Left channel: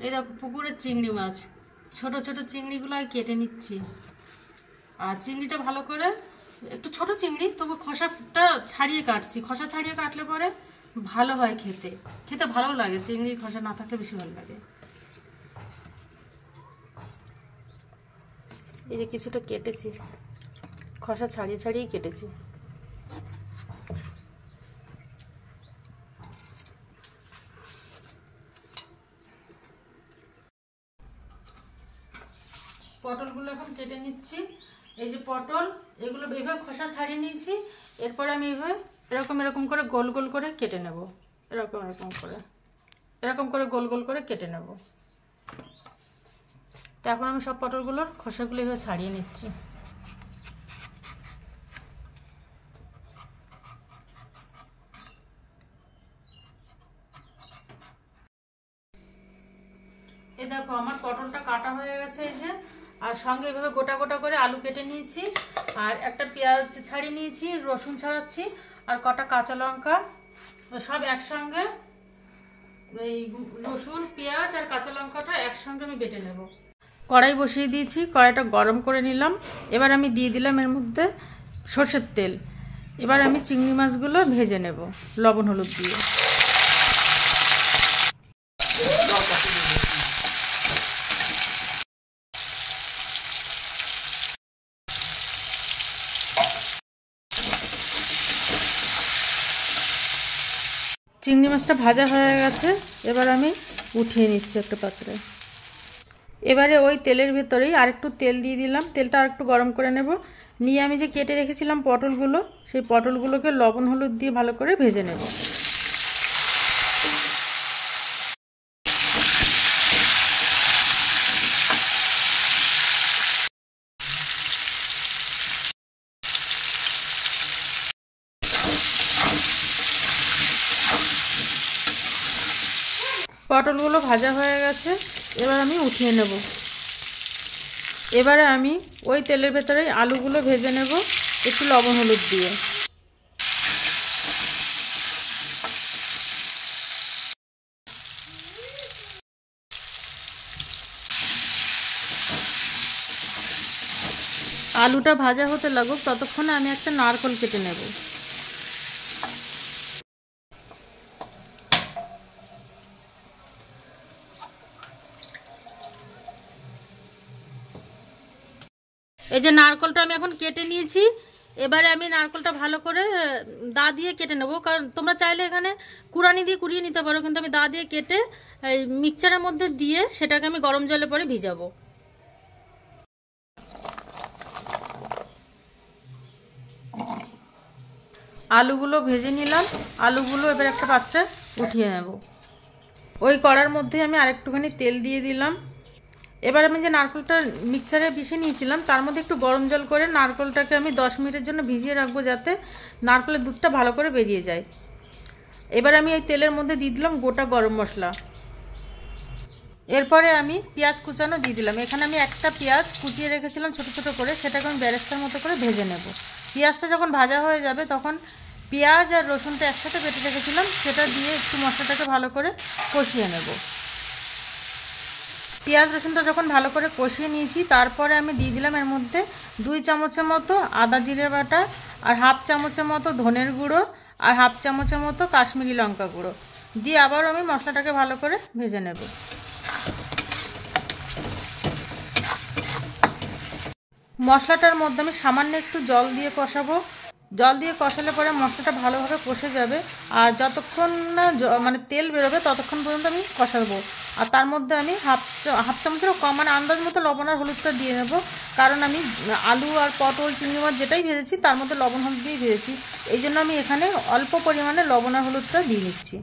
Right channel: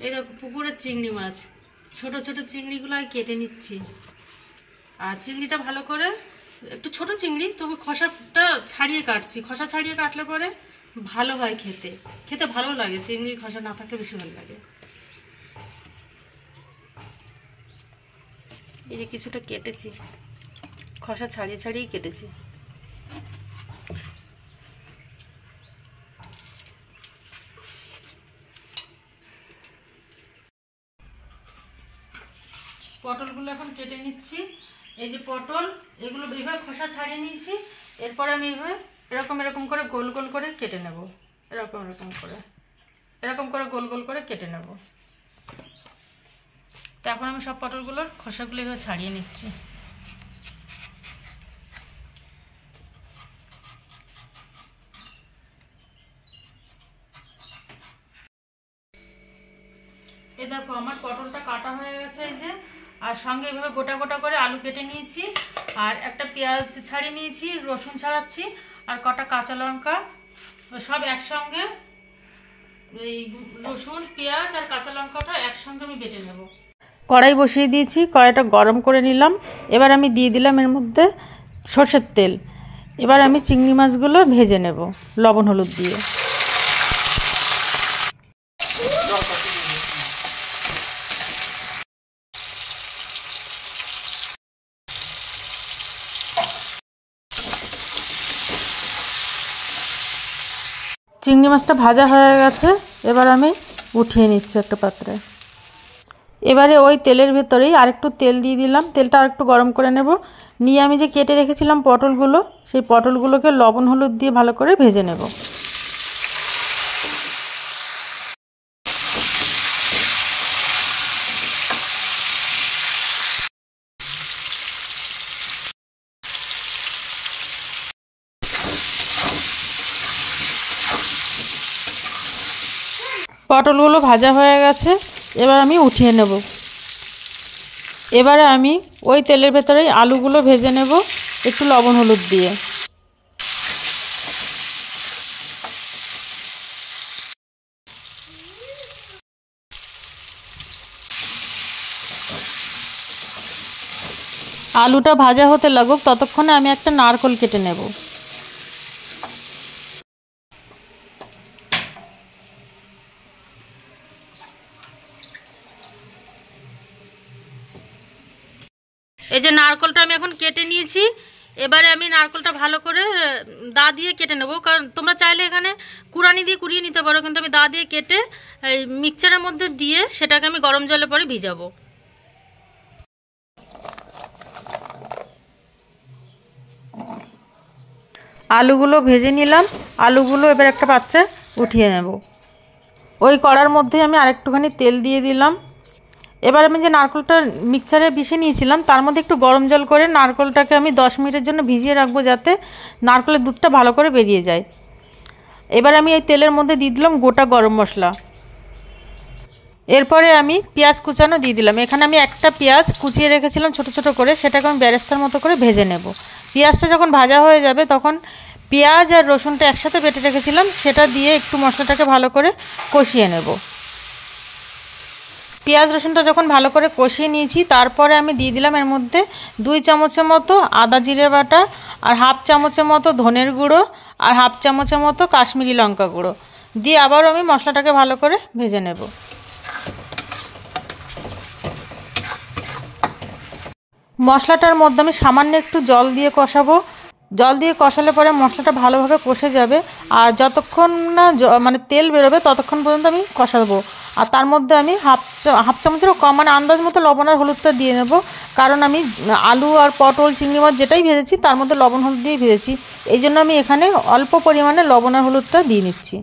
এই দেখো পুকুরের চিংড়ি মাছ, ছোট ছোট চিংড়িগুলো কেটে নিচ্ছি। আর চিংড়িটা ভালো করে, একটু ছোট চিংড়ি তবু খোসাটা ছাড়িয়ে কাটছি। খোসা ছাড়িয়ে কাটলে পরে ভালো হয়, খেতে খেতে ভালো লাগে। চিংড়ির খোসা না থাকলে বেশি ভালো লাগে। এই যে কিছুটা কেটেছি, খোসা ছাড়িয়ে ছাড়িয়ে কেটেছি। পটলগুলো এখন কেটে নিচ্ছি। এই যে পটল, এগুলো এইভাবে খোসা ছাড়িয়ে নিয়েছি। এরপর আমি এইভাবে এরকম করে গোল গোল করে কেটে নেব। এরকম করে গোল গোল করে কেটে নেব। তো এখন আমি সব পটলগুলোর খোসাগুলো এইভাবে ছাড়িয়ে নিচ্ছি। এই দেখো আমার পটলটা কাটা হয়ে গেছে। এই যে, আর সঙ্গে এভাবে গোটা গোটা করে আলু কেটে নিয়েছি, আর একটা পেঁয়াজ ছাড়িয়ে নিয়েছি, রসুন ছাড়াচ্ছি, আর কটা কাঁচা লঙ্কা সব একসঙ্গে, এই রসুন পেঁয়াজ আর কাঁচা লঙ্কাটা একসঙ্গে আমি বেটে নেব। কড়াই বসিয়ে দিয়েছি, কড়াইটা গরম করে নিলাম। এবার আমি দিয়ে দিলাম এর মধ্যে সরষের তেল। এবার আমি চিংড়ি মাছগুলো ভেজে নেব লবণ হলুদ দিয়ে। চিংড়ি মাছটা ভাজা হয়ে গেছে, এবার আমি উঠিয়ে নিচ্ছি একটা পাত্রে। এবারে ওই তেলের ভেতরেই আরেকটু তেল দিয়ে দিলাম। তেলটা আরেকটু গরম করে নেব। নিয়ে আমি যে কেটে রেখেছিলাম পটলগুলো, সেই পটলগুলোকে লবণ হলুদ দিয়ে ভালো করে ভেজে নেব। পটলগুলো ভাজা হয়ে গেছে, এবার আমি উঠিয়ে নেব। এবারে আমি ওই তেলের ভেতরেই আলুগুলো ভেজে নেব একটু লবণ হলুদ দিয়ে। আলুটা ভাজা হতে লাগুক, ততক্ষণে আমি একটা নারকেল কেটে নেব। এই যে নারকেলটা আমি এখন কেটে নিয়েছি। এবারে আমি নারকেলটা ভালো করে দা দিয়ে কেটে নেব, কারণ তোমরা চাইলে এখানে কুড়ানি দিয়ে কুড়িয়ে নিতে পারো, কিন্তু আমি দা দিয়ে কেটে এই মিক্সচারের মধ্যে দিয়ে সেটাকে আমি গরম জলে পরে ভিজাবো। আলুগুলো ভেজে নিলাম। আলুগুলো এবার একটা পাত্রে উঠিয়ে নেব। ওই কড়ার মধ্যে আমি আরেকটুখানি তেল দিয়ে দিলাম। এবার আমি যে নারকেলটা মিক্সারে পিষে নিয়েছিলাম তার মধ্যে একটু গরম জল করে নারকেলটাকে আমি 10 মিনিটের জন্য ভিজিয়ে রাখবো, যাতে নারকেলের দুধটা ভালো করে বেরিয়ে যায়। এবার আমি এই তেলের মধ্যে দিয়ে দিলাম গোটা গরম মশলা। এরপরে আমি পেঁয়াজ কুচানো দিয়ে দিলাম। এখানে আমি একটা পেঁয়াজ কুচিয়ে রেখেছিলাম ছোট ছোট করে, সেটাকে আমি বেরেস্তার মতো করে ভেজে নেব। পেঁয়াজটা যখন ভাজা হয়ে যাবে তখন পেঁয়াজ আর রসুনটা একসাথে বেটে রেখেছিলাম সেটা দিয়ে একটু মশলাটাকে ভালো করে কষিয়ে নেব। পেঁয়াজ রসুনটা যখন ভালো করে কষিয়ে নিয়েছি, তারপরে আমি দিয়ে দিলাম এর মধ্যে 2 চামচের মতো আদা জিরে বাটা, আর হাফ চামচের মতো ধনের গুঁড়ো, আর হাফ চামচের মতো কাশ্মীরি লঙ্কা গুঁড়ো দিয়ে আবারও আমি মশলাটাকে ভালো করে ভেজে নেব। মশলাটার মধ্যে আমি সামান্য একটু জল দিয়ে কষাবো। জল দিয়ে কষালে পরে মশলাটা ভালোভাবে কষে যাবে, আর যতক্ষণ না মানে তেল বেরোবে ততক্ষণ পর্যন্ত আমি কষাবো। আর তার মধ্যে আমি হাফ চামচেরও কম মানে আন্দাজ মতো লবণ আর হলুদটা দিয়ে নেব, কারণ আমি আলু আর পটল চিংড়ি মাছ যেটাই ভেজেছি তার মধ্যে লবণ হলুদ দিয়ে ভেজেছি, এই জন্য আমি এখানে অল্প পরিমাণে লবণ আর হলুদটা দিয়ে নিচ্ছি।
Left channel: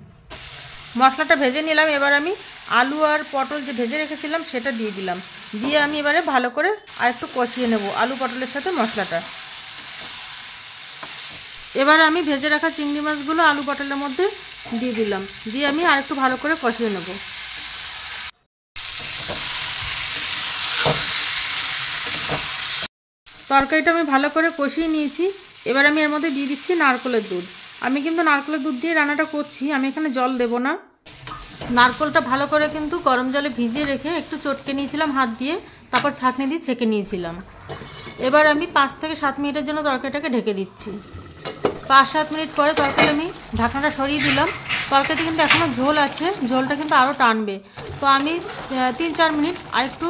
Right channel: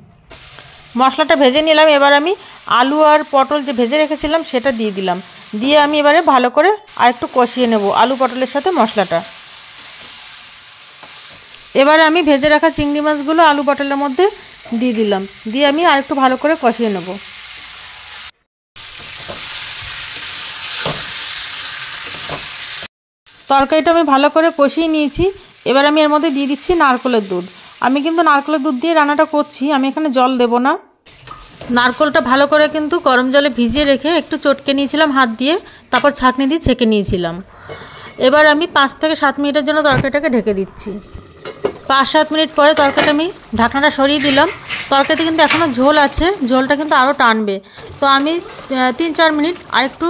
মশলাটা ভেজে নিলাম। এবার আমি আলু আর পটল যে ভেজে রেখেছিলাম সেটা দিয়ে দিলাম। দিয়ে আমি এবারে ভালো করে আরেকটু কষিয়ে নেব আলু পটলের সাথে মশলাটা। এবারে আমি ভেজে রাখা চিংড়ি মাছগুলো আলু পটলের মধ্যে দিয়ে দিলাম। দিয়ে আমি আরেকটু ভালো করে কষিয়ে নেব। তরকারিটা আমি ভালো করে কষিয়ে নিয়েছি। এবার আমি এর মধ্যে দিয়ে দিচ্ছি নারকেলের দুধ। আমি কিন্তু নারকেলের দুধ দিয়ে রান্নাটা করছি, আমি এখানে জল দেব না। নারকেলটা ভালো করে কিন্তু গরম জলে ভিজিয়ে রেখে একটু চটকে নিয়েছিলাম হাত দিয়ে, তারপর ছাঁকনি দিয়ে ছেঁকে নিয়েছিলাম। এবার আমি 5 থেকে 7 মিনিটের জন্য তরকারিটাকে ঢেকে দিচ্ছি। 5-7 মিনিট পরে তরকারিটা আমি ঢাকনাটা সরিয়ে দিলাম। তরকারিতে কিন্তু এখনও ঝোল আছে, ঝোলটা কিন্তু আরও টানবে। তো আমি 3-4 মিনিট আরেকটু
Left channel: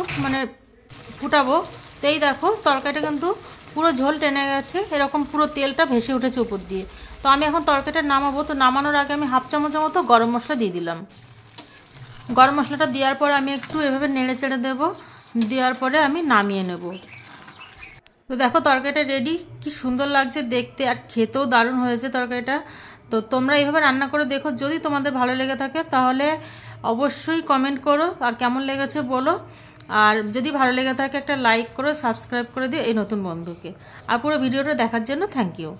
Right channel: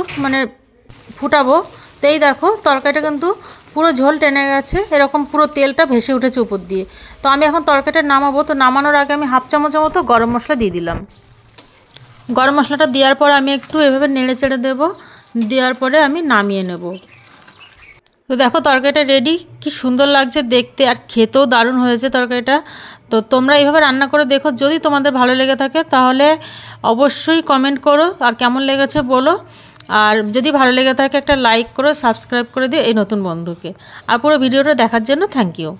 ফুটাবো। তো এই দেখো তরকারিটা কিন্তু পুরো ঝোল টেনে গেছে, এরকম পুরো তেলটা ভেসে উঠেছে উপর দিয়ে। তো আমি এখন তরকারিটা নামাবো। তো নামানোর আগে আমি 1/2 চামচের মতো গরম মশলা দিয়ে দিলাম। গরম মশলাটা দেওয়ার পর আমি একটু এভাবে নেড়ে চেড়ে দেবো, দেওয়ার পরে আমি নামিয়ে নেব। তো দেখো তরকারিটা রেডি, কি সুন্দর লাগছে দেখতে, আর খেতেও দারুণ হয়েছে তরকারিটা। তো তোমরা এইভাবে রান্না করে দেখো, যদি তোমাদের ভালো লেগে থাকে তাহলে অবশ্যই কমেন্ট করো আর কেমন লেগেছে বলো। আর যদি ভালো লেগে থাকে একটা লাইক করো, সাবস্ক্রাইব করে দিও এই নতুন বন্ধুকে। আর পুরো ভিডিওটা দেখার জন্য থ্যাংক ইউ।